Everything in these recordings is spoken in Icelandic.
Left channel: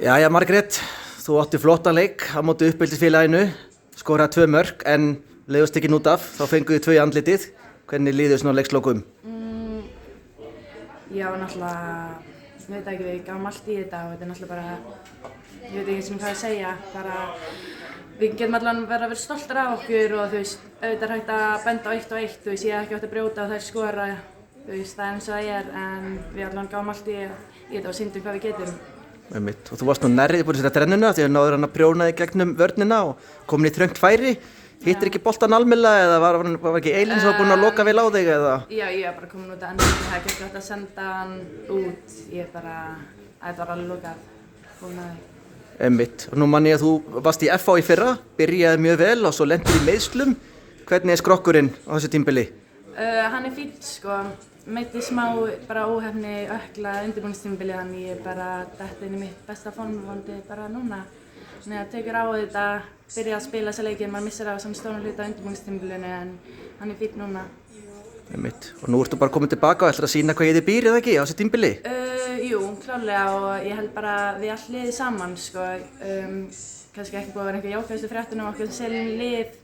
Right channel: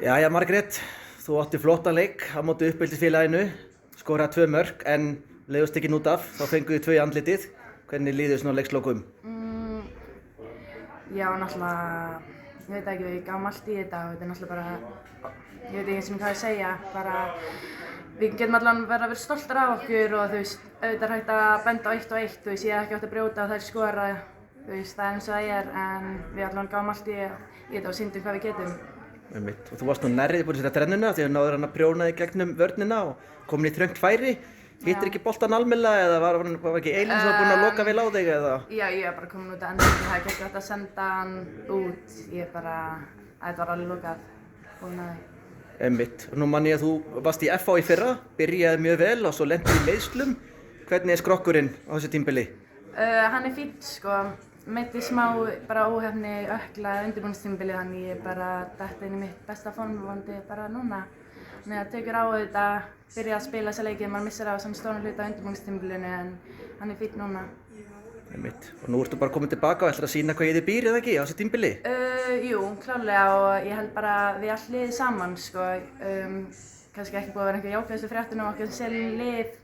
Jæja Margrét, þú átti flottan leik á móti uppeldisfélaginu, skoraði 2 mörk en leiðust ekki út af, þá fenguðu 2 í andlitið. Hvernig líður svona á leikslokum? Já, náttúrulega, ég veit ekki, við gáum allt í þetta og þetta er náttúrulega bara, ég veit ekki hvað að segja, bara við getum allan verið að vera stoltar af okkur og þú veist, auðvitað er hægt að benda á 1 og 1, þú veist, ég hef ekki átt að brjóta og þær skora, þú veist, það er eins og það er, en við allan gáum allt í þetta og sýndum hvað við getum. Og þú varst nú nærrið búin að setja drennuna því að náður hann að prjóna þig gegnum vörnina og komin í þröngt færi. Hittir ekki boltan almennilega eða var ekki Eilín sem var búin að loka vel á þig eða? Já, ég var bara komin út að endurinn, það er ekki hægt að senda hann út, það var alveg lokað, búin að því. Og nú man ég að þú varst í FH í fyrra, byrjaði mjög vel og svo lentir í meiðslum. Hvernig er skrokkurinn á þessu tímabili? Hann er fínn sko, meiddist smá bara óheppni ökla undirbúningstímabili þannig ég bara dett inn í mitt besta form vonandi bara núna. Þannig að tekur á þetta, byrja að spila þessa leiki, maður missir á svona stóran hluta á undirbúningstímabilinu en hann er fínn núna. Og nú ertu bara komin tilbaka og ætlar að sýna hvað ég þið býr eða ekki á þessu tímabili? Jú, klárlega og ég held bara við allt liðið saman sko, kannski ekki búið að vera einhver jákvæðustu fréttunum okkur sem seljum lið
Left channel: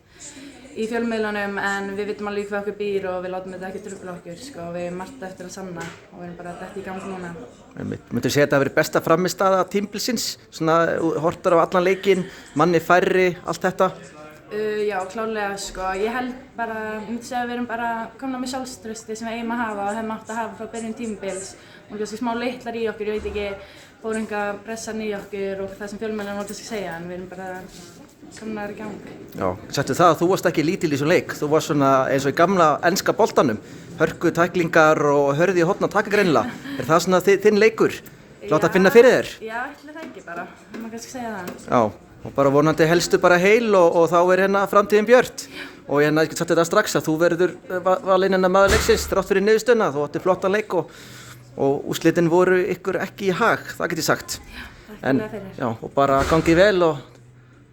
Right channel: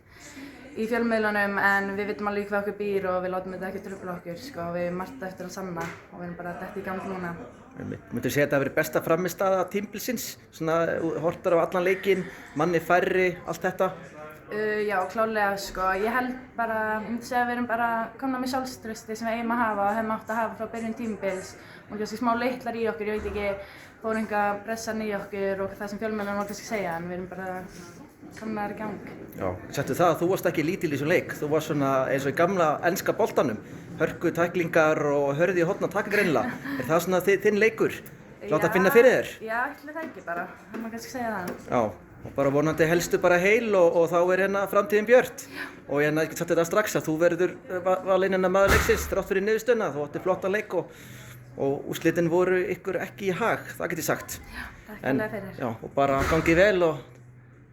í fjölmiðlunum en við vitum alveg hvað okkur býr og við látum þetta ekki trufla okkur sko, og við erum margt eftir að sanna og við erum bara dett í gang núna. Myndirðu segja að þetta hafi verið besta frammistaða tímabilsins, svona horftar á allan leikinn, manni færri, allt þetta? Já, klárlega sko, ég held bara, ég myndi segja að við erum bara komna með sjálfstrausti sem við eigum að hafa og hefum átt að hafa frá byrjun tímabils og kannski smá litlar í okkur, ég veit ekki, fóru enga pressan í okkur og það sem fjölmiðlarnir voru kannski segja en við erum bara komnar í gang. Já, settu það að þú varst ekki lítil í þessum leik, þú varst svona eins og í gamla enska boltanum, hörku tæklingar og hörði í horn að taka greinilega. Er það svona þinn leikur? Láta að finna fyrir þér? Já, ætli það ekki bara, það má kannski segja það. Já, og bara vonandi helstu bara heil og þá er framtíðin björt. Og ég get sagt þetta strax að þú verður valinn maður leiksins þrátt fyrir niðurstöðuna, þú átti flottan leik og úrslitin voru ykkur ekki í hag, það get ég sagt. Já, takk fyrir. Já, og bara gangið vel og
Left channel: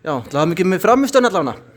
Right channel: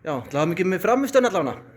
já, til hamingju með frammistöðuna allavega.